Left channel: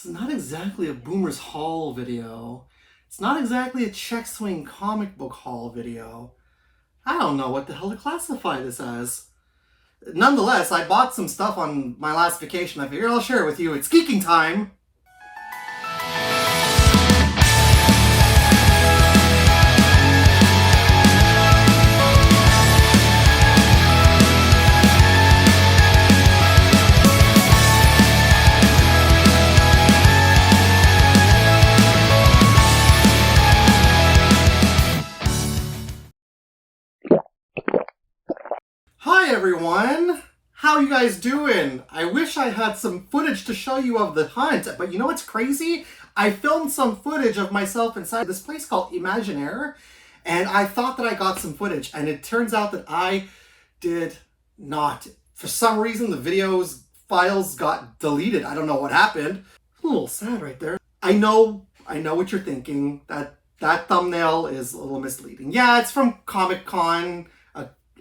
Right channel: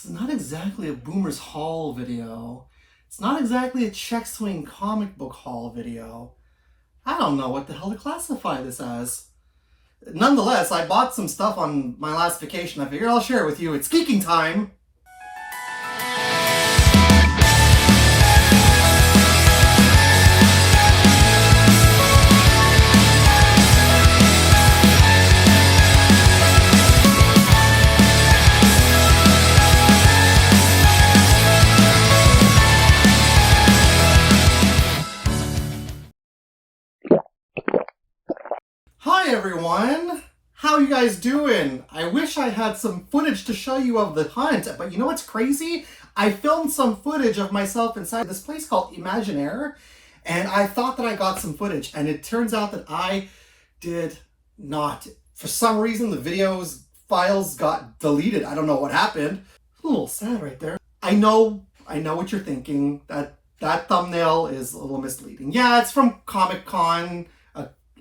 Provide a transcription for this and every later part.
This is not exactly a Boomer's haul video. It's not exactly a Check Swing comic book haul video. I don't know what the hell to classify this as. Nonetheless, I bought some stuff on my last vacation. I figured I'll share it with you. It's geeking time! Hi everyone! How you guys doing? I wish I had some footage to show you of the hunt, but you know what's crazy? I filmed some footage of myself inside this place called Imaginaire, and I thought that I got some footage, and it turns out that I did not. For some reason, the video's files got deleted. I don't know what happened. A little sad right there. I know what you're thinking. That thumbnail is a little misleading. Yeah, it's from Comic-Con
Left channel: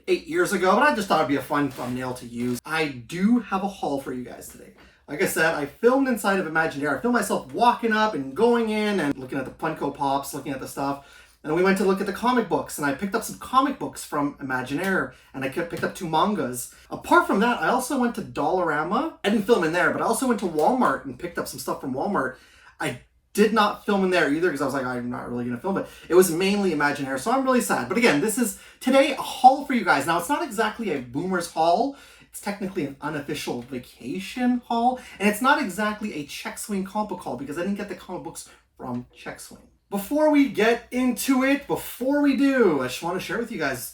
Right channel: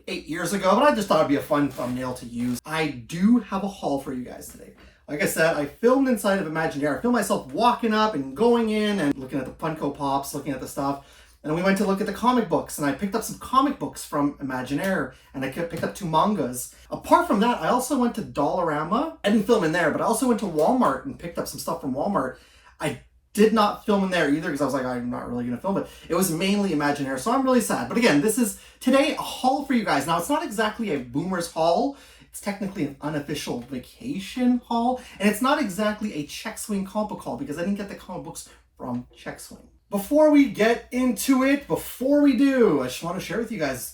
8 years ago, but I just thought it'd be a fun thumbnail to use. I do have a haul for you guys today. Like I said, I filmed inside of Imaginaire. I filmed myself walking up and going in and looking at the Funko Pops, looking at the stuff. And then we went to look at the comic books, and I picked up some comic books from Imaginaire, and I picked up 2 mangas. Apart from that, I also went to Dollarama. I didn't film in there, but I also went to Walmart and picked up some stuff from Walmart. I did not film in there either because I was like, I'm not really going to film it. It was mainly Imaginaire, so I'm really sad. But again, this is today a haul for you guys. Now, it's not exactly a Boomer's haul. It's technically an unofficial vacation haul. And it's not exactly a Check Swing comic book haul because I didn't get the comic books from Check Swing. Before we get into it, before we do, I just want to share with you guys,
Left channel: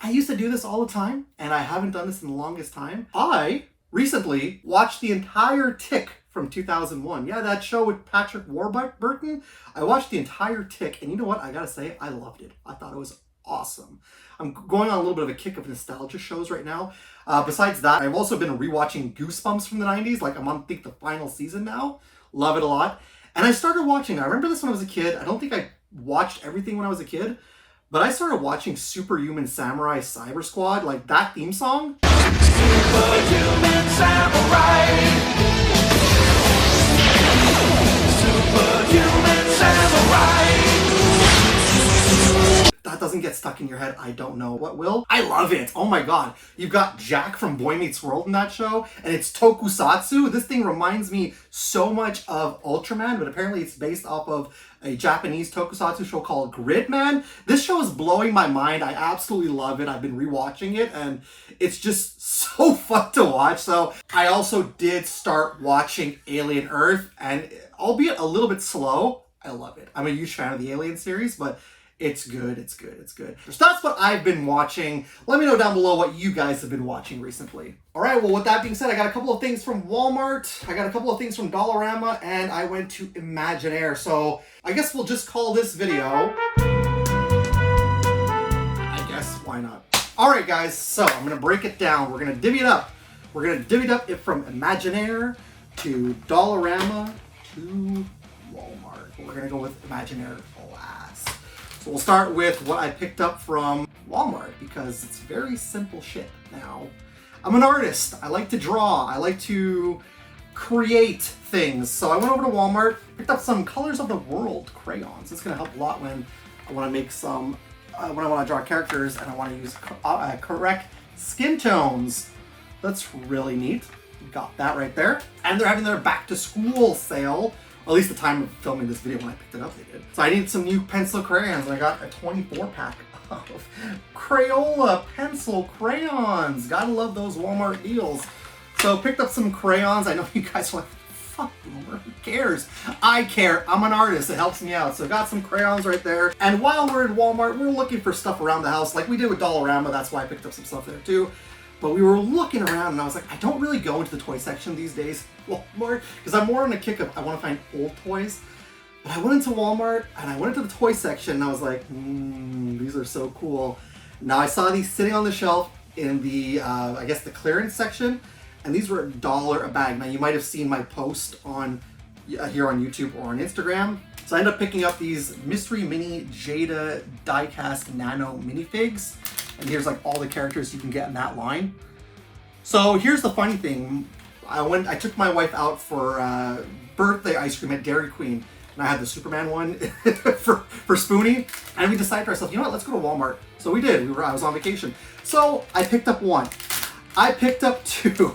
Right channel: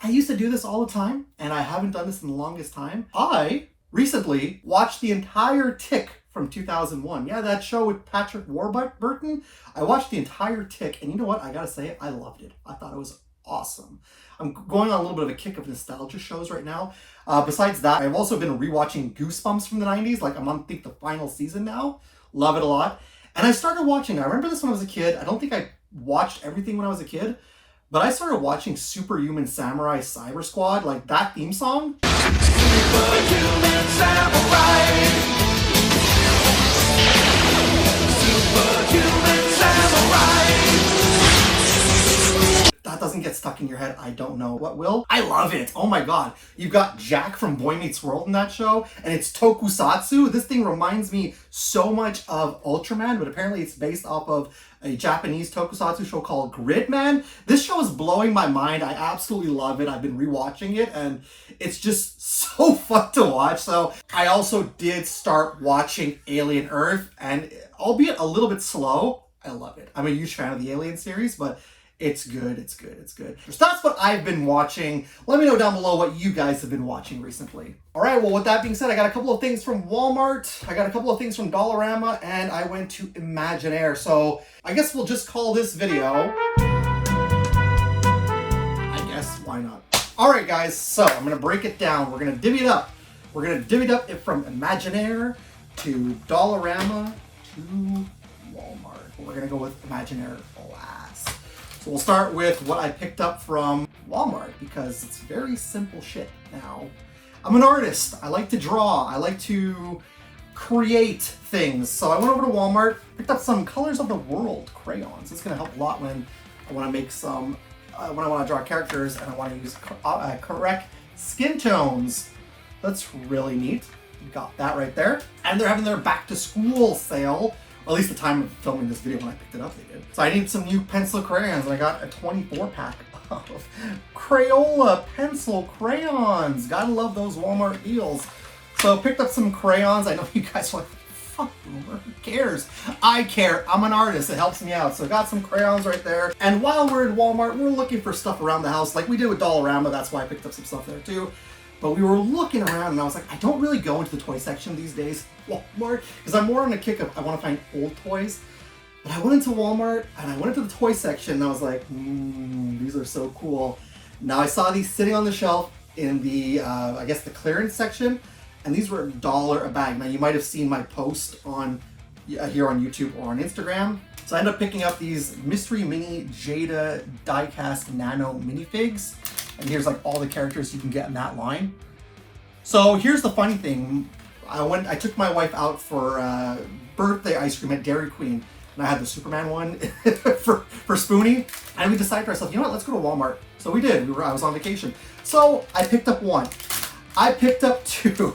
I used to do this all the time, and I haven't done this in the longest time. I recently watched the entire Tick from 2001. Yeah, that show with Patrick Warburton. I watched the entire Tick, and you know what? I gotta say, I loved it. I thought it was awesome. I'm going on a little bit of a kick of nostalgia shows right now. Besides that, I've also been rewatching Goosebumps from the 90s. Like, I'm on, I think, the final season now. Love it a lot. And I started watching, I remember this when I was a kid. I don't think I watched everything when I was a kid, but I started watching Superhuman Samurai Cyber Squad, like that theme song. Superhuman Samurai. Superhuman Samurai. That doesn't get stuck in your head. I don't know what will. I love it. Oh my god. You've got Jack from Boy Meets World in that show, and it's tokusatsu. This thing reminds me so much of Ultraman, but apparently it's based off of a Japanese tokusatsu show called Gridman. This show is blowing my mind. I absolutely love it. I've been rewatching it, and it's just so fun to watch. So I also did start watching Alien Earth, and albeit a little bit slow, I love it. I'm a huge fan of the Alien series, but it's good, it's good, it's good. So that's what I've been watching. Let me know down below what you guys have been watching recently. All right, well, with that being said, I got a couple of things from Walmart, I got a couple of things from Dollarama, and I went to Imaginaire. So I guess we'll just call this video, I guess, why not? All right, guys, so I'm gonna break it down. We're gonna divvy it up. We're gonna divvy it up from Imaginaire to Dollarama to Walmart. We're gonna go with Imaginaire last. So we'll start with what I picked up from Walmart because it's very simple shit now. I'm an artist. I like to draw. I like to create things. So I went over to Walmart, picked up some Colors of the World crayons. It's gonna help a lot when I wanna make some, when I wanna draw characters and I wanna use correct skin tones. That's really neat. Got that right there. And they're having their back to school sale. At least the time of filming this video when I picked it up, they did. So I needed some new pencil crayons, and I got a 24 pack of Crayola pencil crayons. Gotta love those Walmart deals. So picked up some crayons. I know you guys are like, fuck Boomer, who cares? I care, I'm an artist, it helps me out. So got some crayons right there. And while we're in Walmart, we were looking for stuff around the house, like we did with Dollarama. That's why I picked up some stuff there too. But we were looking around and I was like, I don't really go into the toy section these days, Walmart, because I'm more on a kick of I want to find old toys. But I went into Walmart and I went into the toy section and I was like, these are so cool. Now I saw these sitting on the shelf in the, I guess the clearance section, and these were $1 a bag. Now you might have seen my post on here on YouTube or on Instagram. So I ended up picking up these Mystery Mini Jada Diecast Nano minifigs. And here's like all the characters you can get in that line. So here's the funny thing. I took my wife out for birthday ice cream at Dairy Queen, and I had the Superman one for Spoonie, and we decided to ourselves, you know what, let's go to Walmart. So we did. I was on vacation. So I picked up one. I picked up two.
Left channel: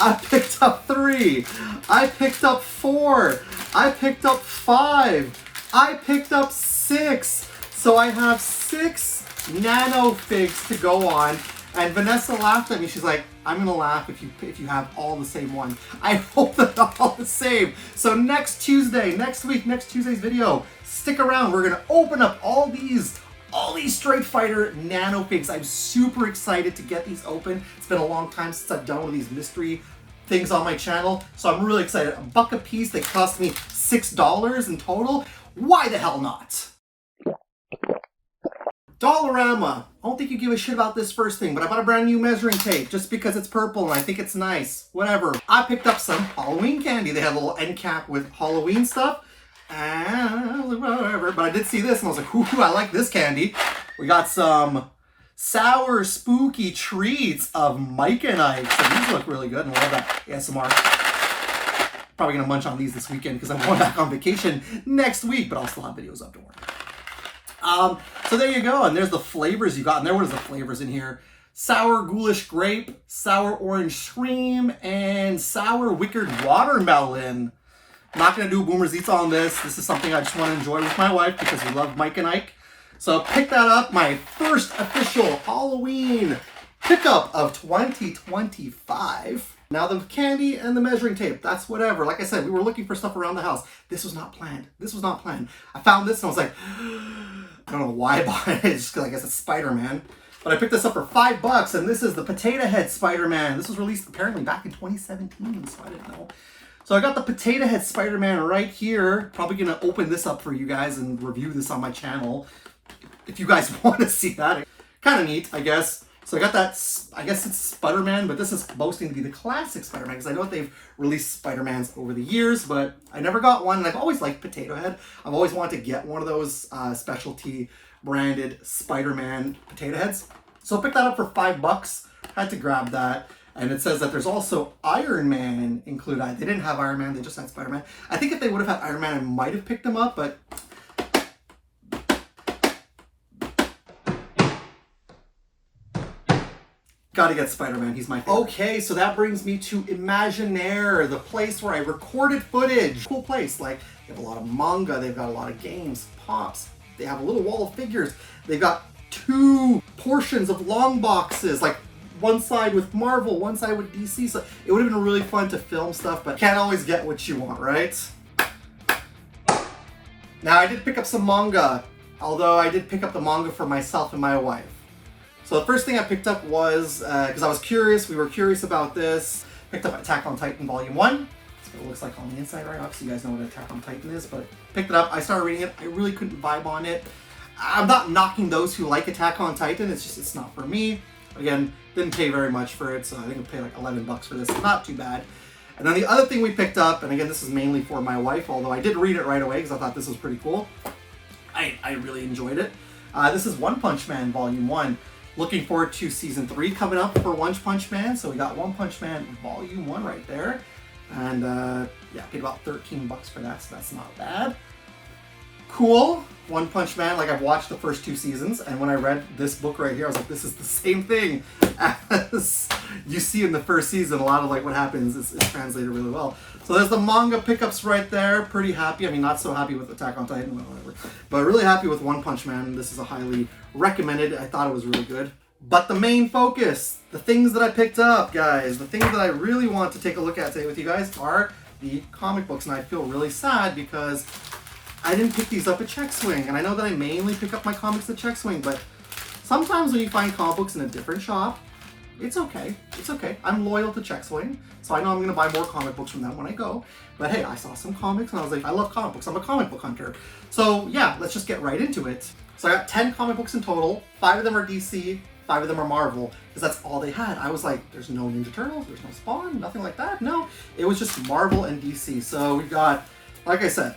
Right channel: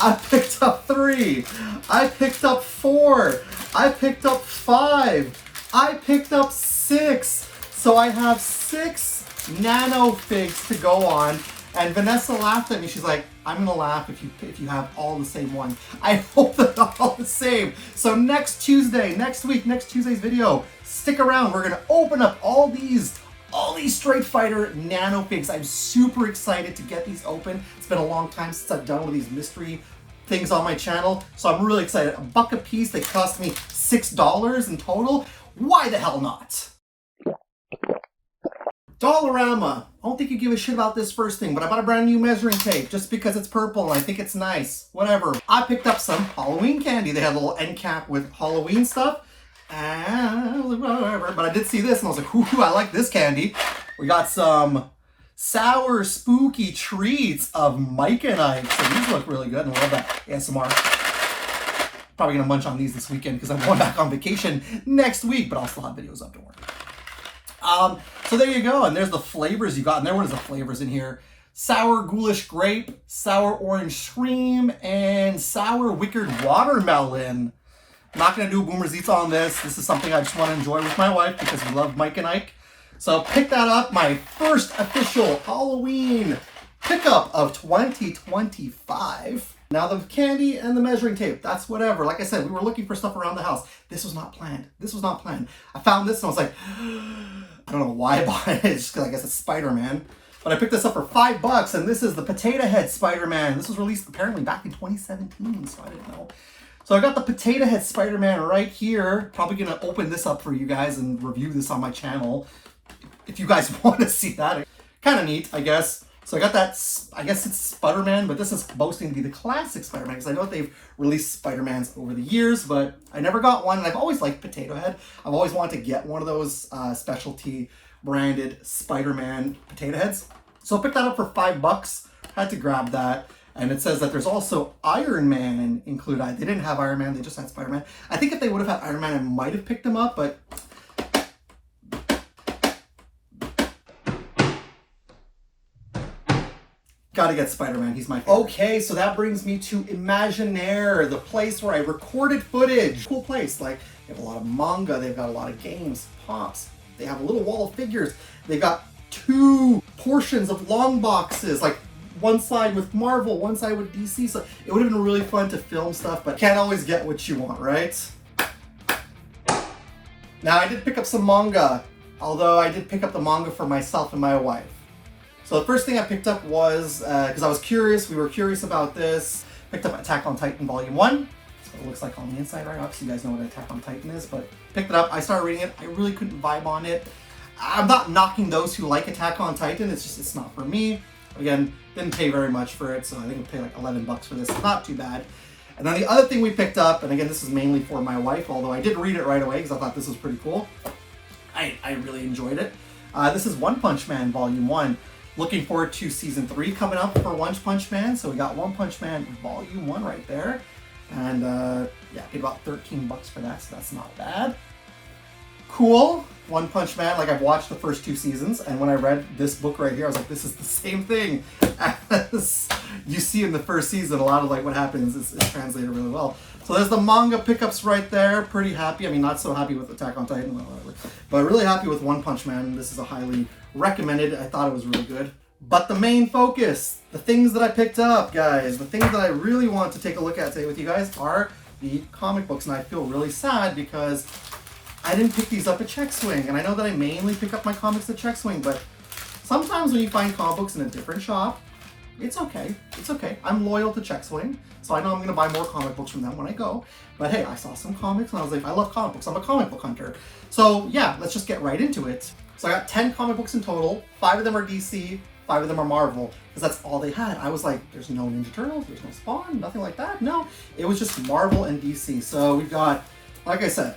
I picked up three. I picked up four. I picked up five. I picked up six. So I have 6 nano figs to go on. And Vanessa laughed at me. She's like, I'm gonna laugh if you have all the same one. I hope they're all the same. So next Tuesday, next Tuesday's video, stick around. We're gonna open up all these Street Fighter nano figs. I'm super excited to get these open. It's been a long time since I've done one of these mystery things on my channel, so I'm really excited. $1 a piece. They cost me $6 in total. Why the hell not? Dollarama. I don't think you give a shit about this first thing, but I bought a brand new measuring tape just because it's purple and I think it's nice. Whatever. I picked up some Halloween candy. They had a little end cap with Halloween stuff. Whatever. But I did see this and I was like, ooh, I like this candy. We got some sour spooky treats of Mike and Ike. So these look really good and I love that ASMR. Probably gonna munch on these this weekend because I'm going back on vacation next week, but I'll still have videos up, don't worry. So there you go, and there's the flavors you got, and what is the flavors in here? Sour ghoulish grape, sour orange scream, and sour wicked watermelon. I'm not gonna do a Boomer's Eats on this. This is something I just want to enjoy with my wife because we love Mike and Ike. So pick that up, my first official Halloween pickup of 2025. Now the candy and the measuring tape, that's whatever. Like I said, we were looking for stuff around the house. This was not planned. This was not planned. I found this and I was like, I don't know why I bought it. It's just because I guess it's Spider-Man. But I picked this up for $5 and this is the Potato Head Spider-Man. This was released apparently back in 2017, so I didn't know. So I got the Potato Head Spider-Man right here. Probably gonna open this up for you guys and review this on my channel. If you guys want to see that. Kind of neat, I guess. So I got that, I guess it's Spider-Man, but this is boasting to be the classic Spider-Man because I know they've released Spider-Mans over the years, but I never got one, and I've always liked Potato Head. I've always wanted to get one of those specialty branded Spider-Man potato heads. So I picked that up for $5. Had to grab that. And it says that there's also Iron Man included. They didn't have Iron Man, they just had Spider-Man. I think if they would have had Iron Man, I might have picked him up, but gotta get Spider-Man, he's my favorite. Okay, so that brings me to Imaginaire, the place where I recorded footage. Cool place, like, they have a lot of manga, they've got a lot of games, pops, they have a little wall of figures, they've got 2 portions of long boxes, like one side with Marvel, one side with DC, so it would have been really fun to film stuff, but can't always get what you want, right? Now, I did pick up some manga, although I did pick up the manga for myself and my wife. So the first thing I picked up was, because I was curious, we were curious about this, picked up Attack on Titan Volume 1. That's what it looks like on the inside, right? Obviously you guys know what Attack on Titan is, but picked it up, I started reading it, I really couldn't vibe on it. I'm not knocking those who like Attack on Titan, it's just, it's not for me. Again, didn't pay very much for it, so I think I paid like $11 for this, not too bad. And then the other thing we picked up, and again, this is mainly for my wife, although I did read it right away because I thought this was pretty cool. I really enjoyed it. This is One Punch Man Volume 1. Looking forward to Season 3 coming up for One Punch Man. So we got One Punch Man Volume 1 right there. And yeah, paid about $13 for that, so that's not bad. Cool. One Punch Man, like I've watched the first 2 seasons, and when I read this book right here, I was like, this is the same thing as you see in the first season. A lot of like what happens is translated really well. So there's the manga pickups right there. Pretty happy. I mean, not so happy with Attack on Titan, whatever, but really happy with One Punch Man. This is a highly recommended. I thought it was really good. But the main focus, the things that I picked up, guys, the things that I really want to take a look at today with you guys are the comic books, and I feel really sad because I didn't pick these up at Check Swing, and I know that I mainly pick up my comics at Check Swing, but sometimes when you find comic books in a different shop, it's okay. It's okay. I'm loyal to Check Swing, so I know I'm going to buy more comic books from them when I go. But hey, I saw some comics, and I was like, I love comic books. I'm a comic book hunter. So yeah, let's just get right into it. So I got 10 comic books in total. 5 of them are DC, 5 of them are Marvel, because that's all they had. I was like, there's no Ninja Turtles, there's no Spawn, nothing like that. No, it was just Marvel and DC. So we've got, like I said,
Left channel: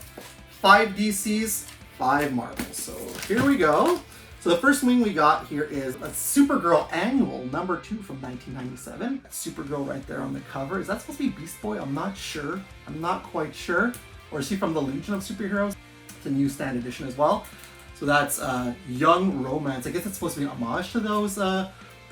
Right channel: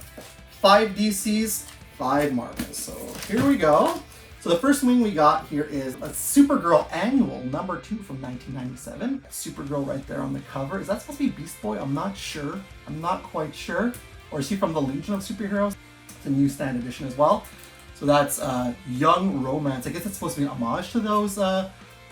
5 DCs, 5 Marvels. So here we go. So the first wing we got here is a Supergirl Annual #2 from 1997. Supergirl right there on the cover. Is that supposed to be Beast Boy? I'm not sure. I'm not quite sure. Or is he from the Legion of Superheroes? It's a newsstand edition as well. So that's Young Romance. I guess it's supposed to be an homage to those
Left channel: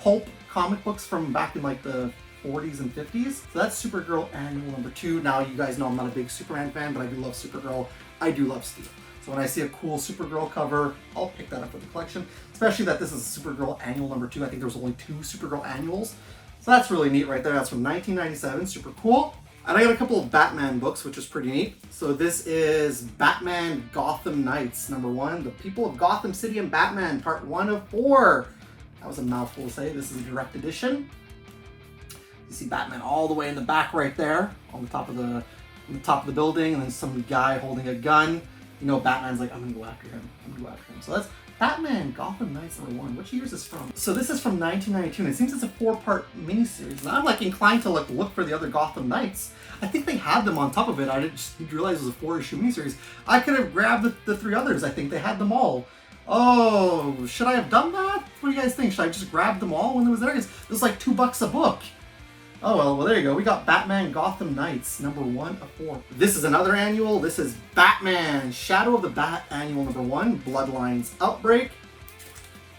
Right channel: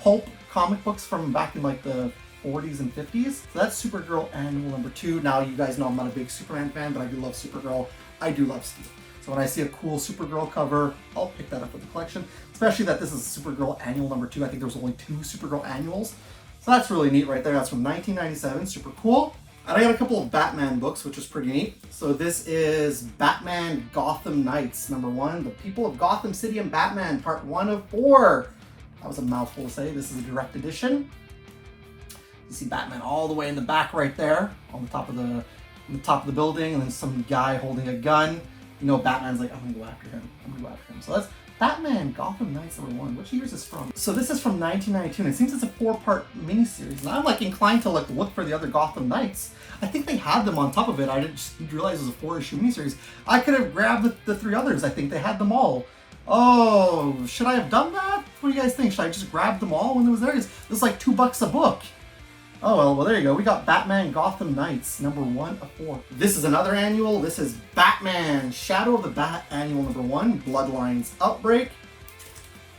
pulp comic books from back in like the 40s and 50s. So that's Supergirl Annual #2. Now you guys know I'm not a big Superman fan, but I do love Supergirl. I do love Steel. So when I see a cool Supergirl cover, I'll pick that up for the collection. Especially that this is Supergirl Annual #2. I think there was only 2 Supergirl Annuals. So that's really neat right there. That's from 1997, super cool. And I got a couple of Batman books, which is pretty neat. So this is Batman Gotham Knights #1, The People of Gotham City and Batman, part 1 of 4. That was a mouthful to say. This is a direct edition. You see Batman all the way in the back right there, on the top of the building, and then some guy holding a gun. You know, Batman's like, I'm gonna go after him. So that's Batman Gotham Knights #1. Which year is this from? So this is from 1992, and it seems it's a 4-part miniseries. And I'm like inclined to like look for the other Gotham Knights. I think they had them on top of it. I didn't realize it was a 4-issue miniseries. I could have grabbed the 3 others. I think they had them all. Oh, should I have done that? What do you guys think? Should I just grab them all when it was there? It was like $2 a book. Oh, well, there you go. We got Batman Gotham Knights #1 of 4. This is another annual. This is Batman Shadow of the Bat Annual #1, Bloodlines Outbreak.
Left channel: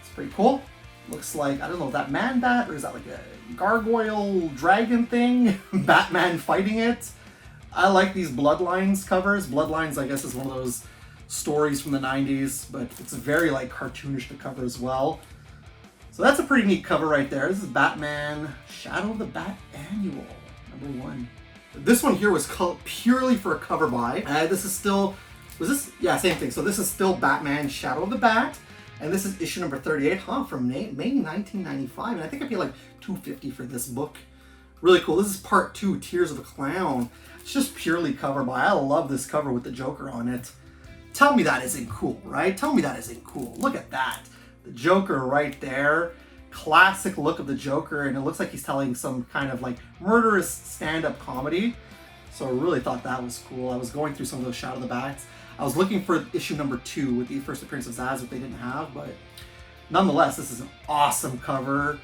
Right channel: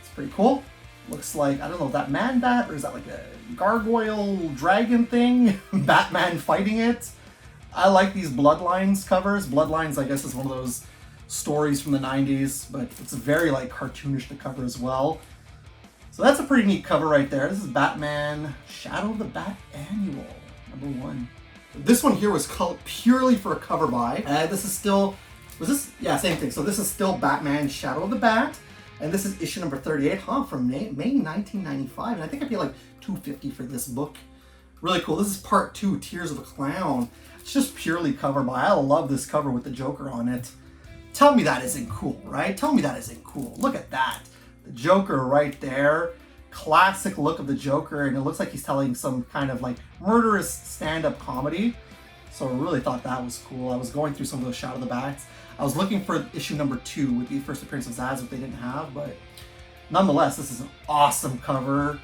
It's pretty cool. Looks like, I don't know if that man bat or is that like a gargoyle dragon thing? Batman fighting it. I like these Bloodlines covers. Bloodlines, I guess, is one of those stories from the 90s, but it's very like cartoonish to cover as well. So that's a pretty neat cover right there. This is Batman Shadow of the Bat Annual #1. This one here was purely for a cover buy. This is still, yeah, same thing. So this is still Batman Shadow of the Bat. And this is issue number 38, from May 1995. And I think I paid like $2.50 for this book. Really cool. This is part 2, Tears of a Clown. It's just purely cover buy. I love this cover with the Joker on it. Tell me that isn't cool, right? Tell me that isn't cool. Look at that. The Joker right there. Classic look of the Joker, and it looks like he's telling some kind of like murderous stand-up comedy. So I really thought that was cool. I was going through some of those Shadow of the Bats. I was looking for issue number 2 with the first appearance of Zsasz, which they didn't have, but nonetheless, this is an awesome cover.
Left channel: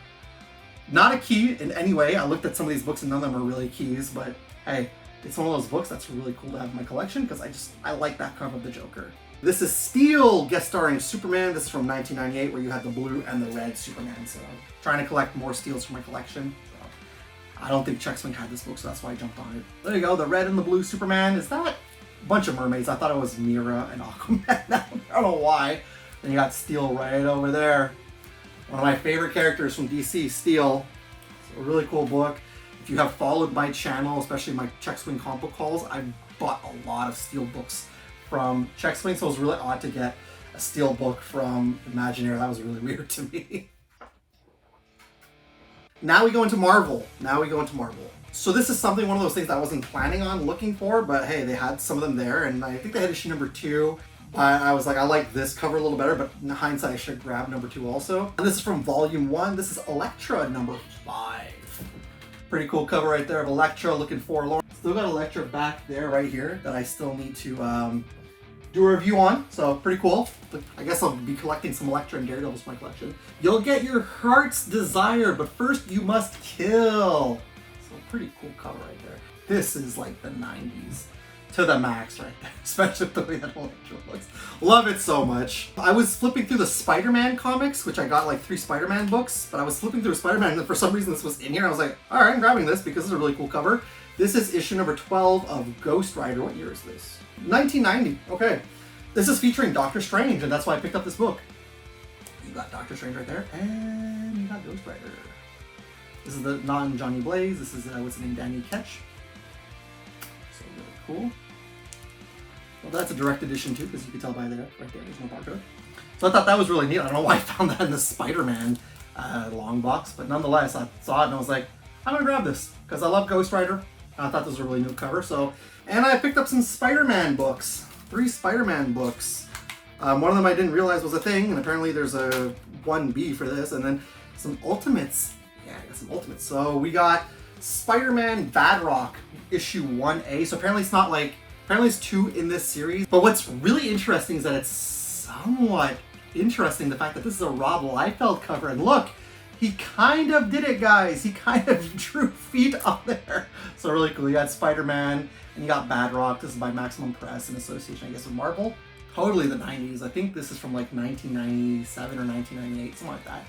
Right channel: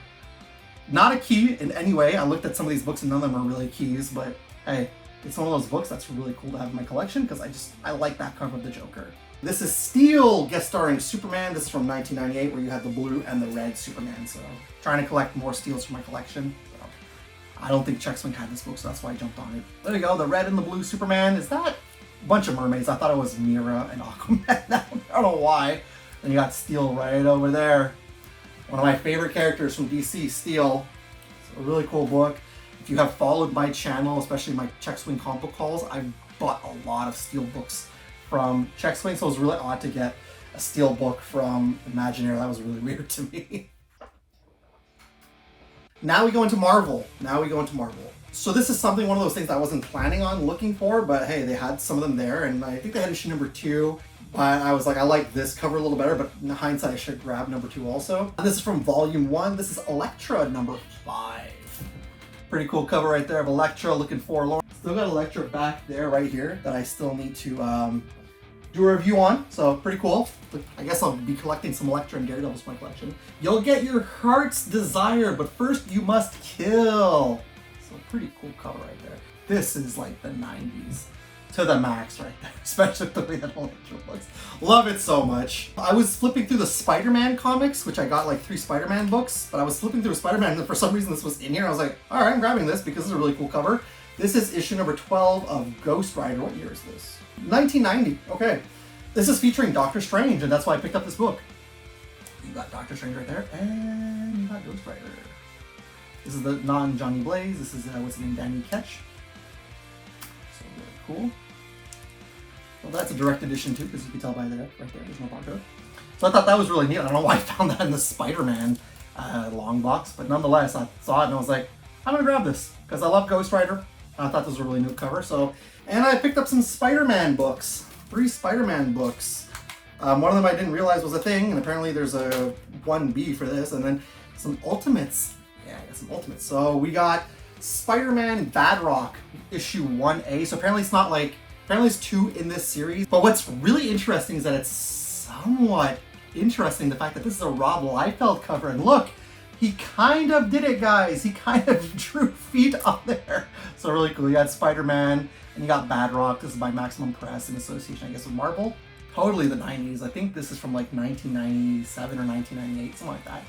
Not a key in any way. I looked at some of these books and none of them are really keys, but hey, it's one of those books that's really cool to have in my collection because I like that cover of the Joker. This is Steel, guest starring Superman. This is from 1998, where you had the blue and the red Superman. So I'm trying to collect more Steels for my collection. So I don't think Checkswing had this book, so that's why I jumped on it. There you go, the red and the blue Superman. Is that a bunch of mermaids? I thought it was Mira and Aquaman. I don't know why. And you got Steel right over there. One of my favorite characters from DC, Steel. It's a really cool book. If you have followed my channel, especially my Checkswing comic book hauls, I've bought a lot of Steel books from Checkswing, so it was really odd to get a Steel book from Imagineer. That was really weird to me. Now we go into Marvel. So this is one of those things I wasn't planning on looking for, but hey, they had some of them there, and I think they had issue number 2. But I was like, I like this cover a little better, but in hindsight, I should have grabbed number 2 also. And this is from volume 1. This is Elektra #5. Pretty cool cover right there of Elektra looking forlorn. Still got Elektra back there right here that I still need to do a review on. So pretty cool. But I guess I'll be collecting some Elektra and Daredevils for my collection. You'll get your heart's desire, but first you must kill. So pretty cool cover right there. This is like the 90s to the max right there, especially the way that Elektra looks. Love it so much. I was flipping through the Spider-Man comics, which I got like 3 Spider-Man books, but I was flipping through Spider-Man and for some reason this was in here. I was like, all right, I'm grabbing this because it's a really cool cover. This is issue number 12 of Ghost Rider. What year is this? 1990. Okay. This is featuring Doctor Strange, and that's why I picked up this book. You got Doctor Strange right there, and you got Ghost Rider. This is the non-Johnny Blaze. This is, what's his name, Danny Ketch. So really cool. Well, that's a direct edition too, because you can tell by the right there, there's no barcode. So I thought that was really neat. I don't know why I found that in the Spider-Man long box, but nonetheless, I saw it and I was like, I'm gonna grab this, because I love Ghost Rider. I thought this was a really new cover, so. And I picked up some Spider-Man books. 3 Spider-Man books. One of them I didn't realize was a thing, and apparently there's a 1B for this, and then some Ultimates. Yeah, I got some Ultimates. So we got Spider-Man Badrock, issue 1A. So apparently it's not like, apparently it's 2 in this series. But what's really interesting is that it's somewhat interesting, the fact that this is a Rob Liefeld cover. And look, he kind of did it, guys. He kind of drew feet on there. So really cool. You got Spider-Man and you got Badrock. This is by Maximum Press in association, I guess, with Marvel. Totally the 90s. I think this is from like 1997 or 1998, something like that.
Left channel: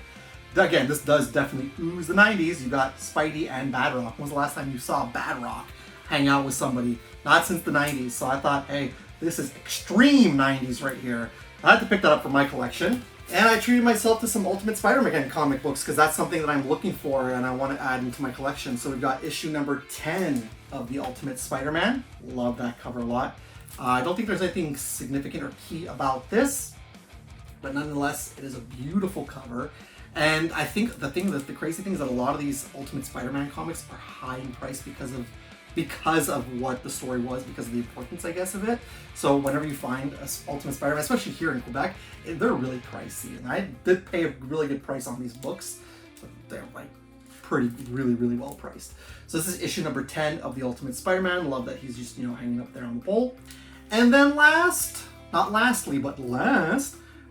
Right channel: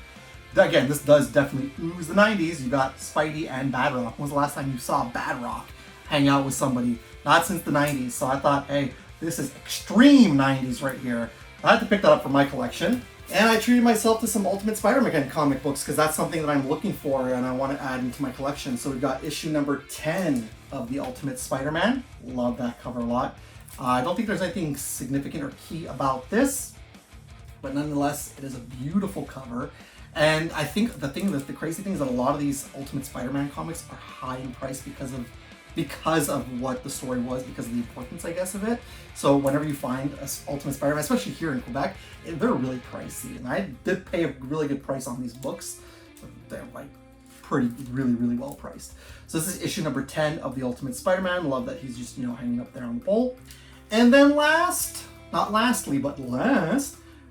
Again, this does definitely ooze the 90s. You got Spidey and Badrock. When was the last time you saw Badrock hang out with somebody? Not since the 90s. So I thought, hey, this is extreme 90s right here. I had to pick that up for my collection. And I treated myself to some Ultimate Spider-Man comic books because that's something that I'm looking for and I want to add into my collection. So we've got issue number 10 of the Ultimate Spider-Man. Love that cover a lot. I don't think there's anything significant or key about this, but nonetheless, it is a beautiful cover. And I think the crazy thing is that a lot of these Ultimate Spider-Man comics are high in price because of what the story was, because of the importance, I guess, of it. So whenever you find an Ultimate Spider-Man, especially here in Quebec, they're really pricey. And I did pay a really good price on these books, but they're like really well priced. So this is issue number 10 of the Ultimate Spider-Man. Love that he's just, hanging up there on the pole. And then last,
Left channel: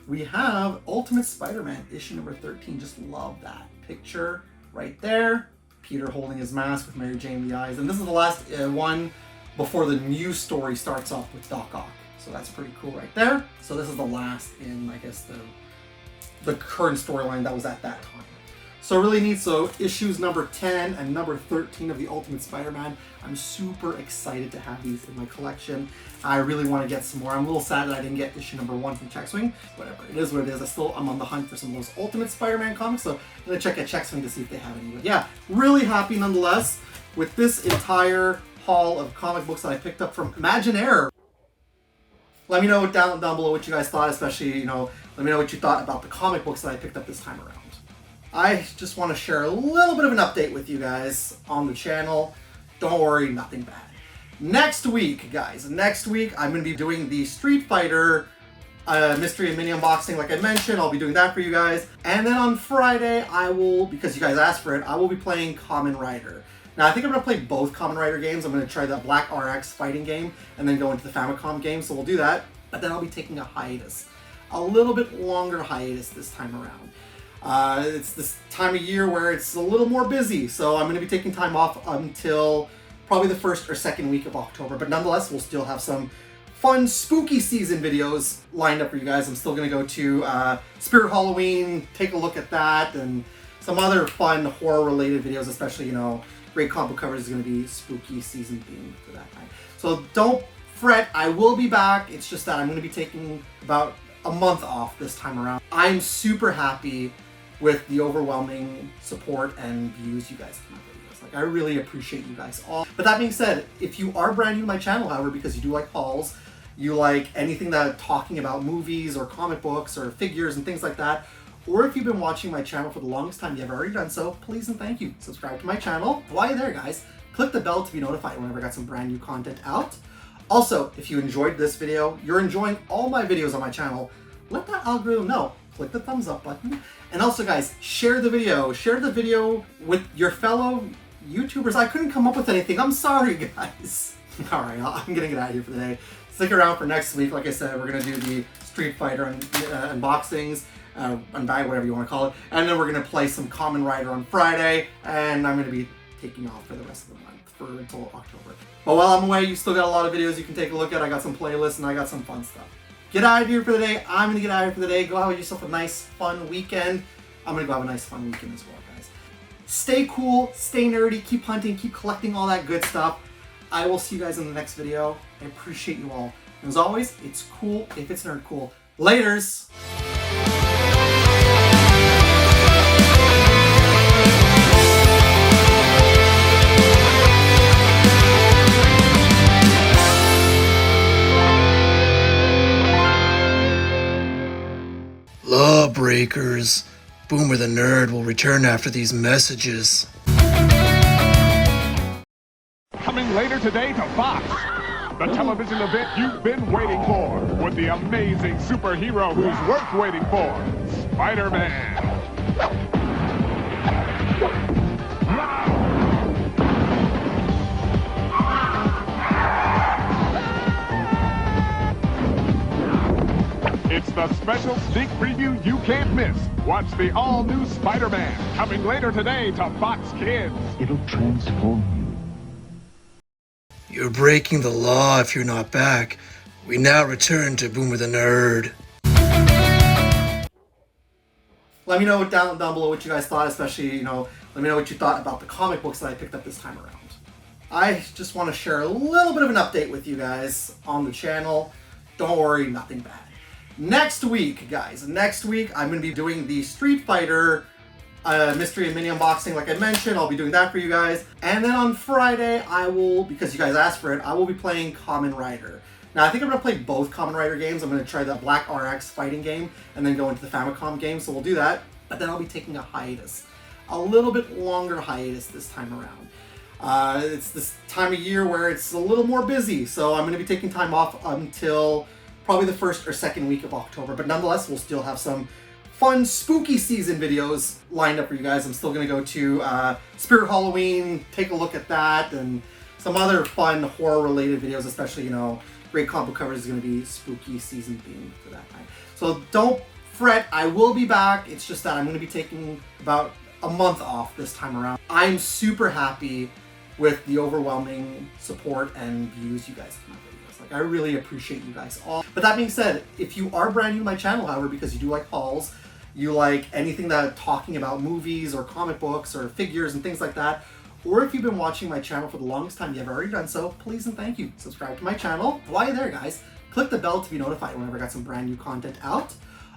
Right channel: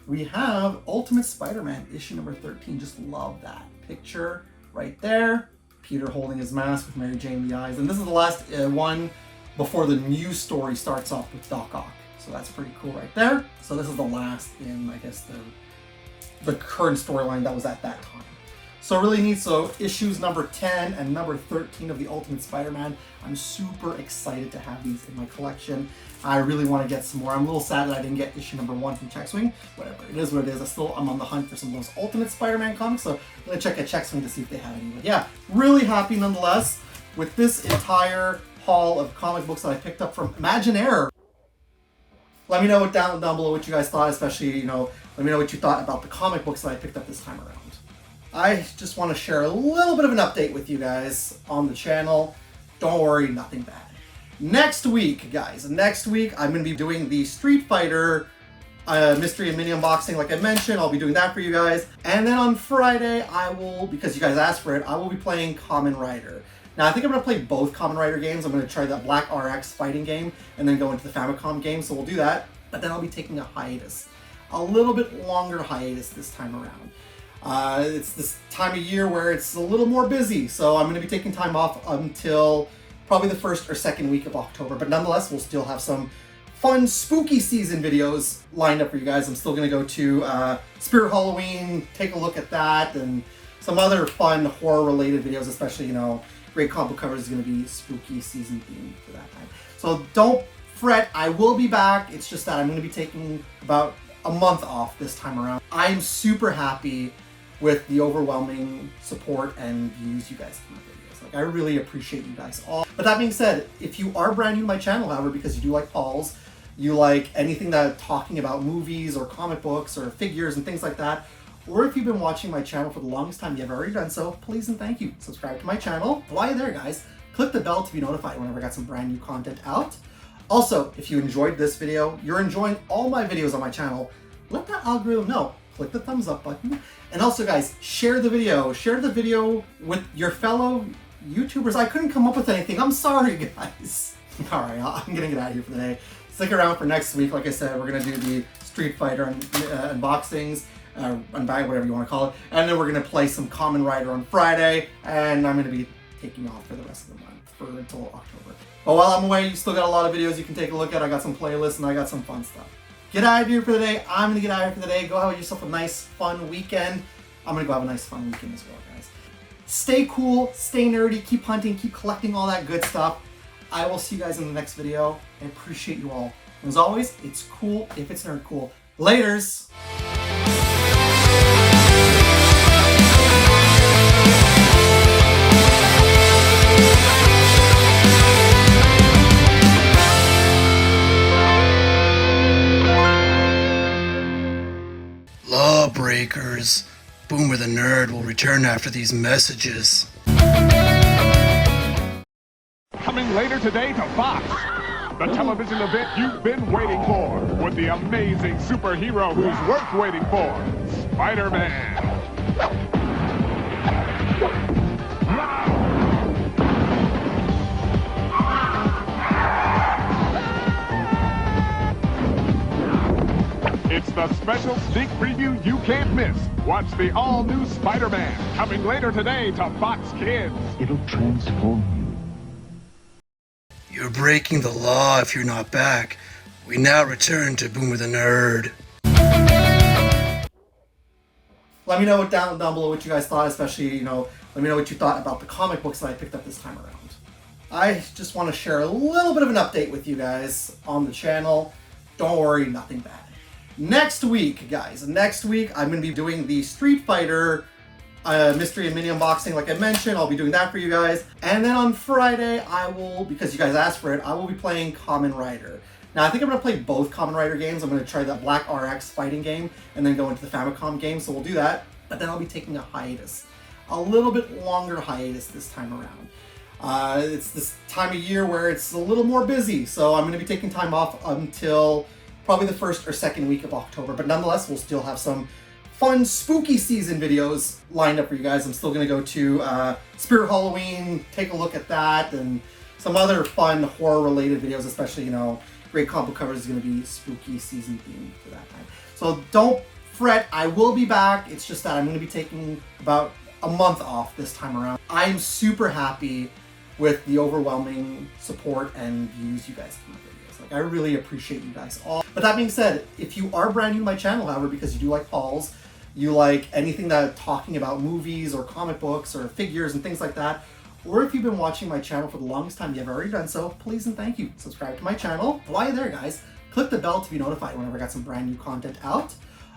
we have Ultimate Spider-Man issue number 13. Just love that picture right there. Peter holding his mask with Mary Jane in the eyes. And this is the last one before the new story starts off with Doc Ock. So that's pretty cool right there. So this is the last in, I guess, the current storyline that was at that time. So really neat. So issues number 10 and number 13 of the Ultimate Spider-Man. I'm super excited to have these in my collection. I really want to get some more. I'm a little sad that I didn't get issue number 1 from Checkswing. Whatever, it is what it is. I'm on the hunt for some of those Ultimate Spider-Man comics, so I'm going to check at Checkswing to see if they have any. But yeah, really happy nonetheless with this entire haul of comic books that I picked up from Imaginaire. Let me know down below what you guys thought, especially, let me know what you thought about the comic books that I picked up this time around. I just want to share a little bit of an update with you guys on the channel. Don't worry, nothing bad. Next week, guys, I'm going to be doing the Street Fighter mystery and mini unboxing like I mentioned. I'll be doing that for you guys. And then on Friday, I will, because you guys asked for it, I will be playing Kamen Rider. Now, I think I'm going to play both Kamen Rider games. I'm going to try the Black RX fighting game and then go into the Famicom game, so we'll do that. But then I'll be taking a hiatus. A little bit longer hiatus this time around. It's this time of year where it's a little more busy, so I'm going to be taking time off until probably the first or second week of October. But nonetheless, we'll still have some fun spooky season videos lined up for you guys. I'm still going to go to Spirit Halloween, take a look at that, and some other fun horror-related videos, especially, Great Comic Book Covers is going to be spooky season themed for that time. So don't fret, I will be back. It's just that I'm going to be taking about a month off this time around. I'm super happy with the overwhelming support and views you guys have. I really appreciate you guys all. But that being said, if you are brand new to my channel, however, because you do like hauls, you like anything that talking about movies or comic books or figures and things like that, or if you've been watching my channel for the longest time, you have already done so, please and thank you. Subscribe to my channel. While you're there, guys, click the bell to be notified whenever I got some brand new content out. Also, if you enjoyed this video, you're enjoying all my videos on my channel, let that algorithm know. Click the thumbs up button. And also, guys, share the video. Share the video with your fellow YouTubers. I couldn't come up with anything. I'm sorry, guys. All right, I'm gonna get out of here for the day. Stick around for next week. Like I said, we're gonna do the Street Fighter unboxings, unbag, whatever you want to call it, and then we're gonna play some Kamen Rider on Friday. And I'm gonna be taking off for the rest of the month until October. But while I'm away, you still got a lot of videos you can take a look at. I got some playlists and I got some fun stuff. Get out of here for the day. I'm gonna get out of here for the day. Go have yourself a nice, fun weekend. I'm gonna go have a nice, fun weekend as well, guys. Stay cool, stay nerdy, keep hunting, keep collecting all that good stuff. I will see you guys in the next video. I appreciate you all. And as always, it's cool if it's nerd cool. Laters! Lawbreakers. Boomer the Nerd will return after these messages. Coming later today to Fox, the television event you've been waiting for, with the amazing superhero who's worth waiting for, Spider-Man. It's the special sneak preview you can't miss. Watch the all-new Spider-Man, coming later today to Fox Kids. It'll transform you. You're breaking the law if you're not back. We now return to Boomer the Nerd. Let me know down below what you guys thought, especially, let me know what you thought about the comic books that I picked up this time around. I just want to share a little bit of an update with you guys on the channel. Don't worry, nothing bad. Next week, I'm going to be doing the Street Fighter mystery and mini unboxing like I mentioned. I'll be doing that for you guys. And then on Friday, I will, because you guys asked for it, I will be playing Kamen Rider. Now, I think I'm going to play both Kamen Rider games. I'm going to try the Black RX fighting game and then go into the Famicom game, so we'll do that. But then I'll be taking a hiatus. A little bit longer hiatus this time around. It's this time of year where it's a little more busy, so I'm going to be taking time off until probably the first or second week of October. But nonetheless, we'll still have some fun spooky season videos lined up for you guys. I'm still going to go to Spirit Halloween, take a look at that, and some other fun horror-related videos, especially, Great Comic Book Covers is going to be spooky season themed for that time. So don't fret, I will be back. It's just that I'm going to be taking about a month off this time around. I'm super happy with the overwhelming support and views you guys have on my videos. Like, I really appreciate you guys all. But that being said, if you are brand new to my channel, however, because you do like hauls, you like anything that talking about movies or comic books or figures and things like that, or if you've been watching my channel for the longest time, you have already done so, please and thank you. Subscribe to my channel. While you're there, guys, click the bell to be notified whenever I got some brand new content out.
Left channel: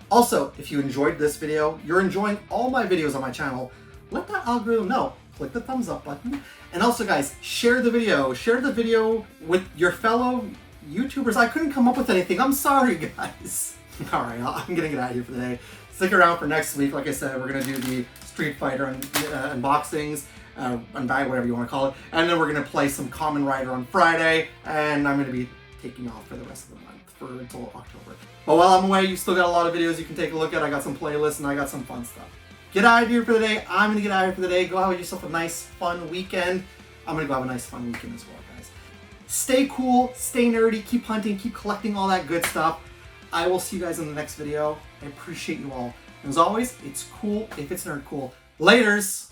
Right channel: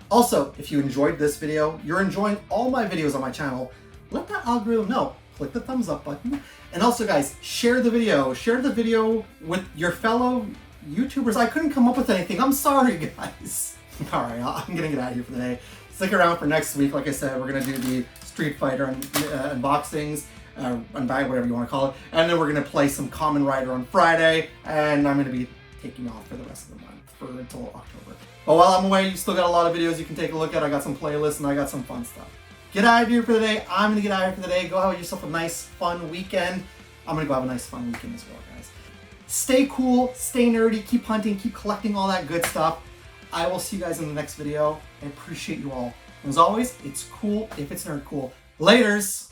Also, if you enjoyed this video, you're enjoying all my videos on my channel, let that algorithm know. Click the thumbs up button. And also, guys, share the video. Share the video with your fellow YouTubers. I couldn't come up with anything. I'm sorry, guys. All right, I'm gonna get out of here for the day. Stick around for next week. Like I said, we're gonna do the Street Fighter unboxings, unbag, whatever you want to call it. And then we're gonna play some Kamen Rider on Friday. And I'm gonna be taking off for the rest of the month, until October. But while I'm away, you still got a lot of videos you can take a look at. I got some playlists and I got some fun stuff. Get out of here for the day. I'm gonna get out of here for the day. Go have yourself a nice, fun weekend. I'm gonna go have a nice, fun weekend as well, guys. Stay cool, stay nerdy, keep hunting, keep collecting all that good stuff. I will see you guys in the next video. I appreciate you all. And as always, it's cool if it's nerd cool. Laters!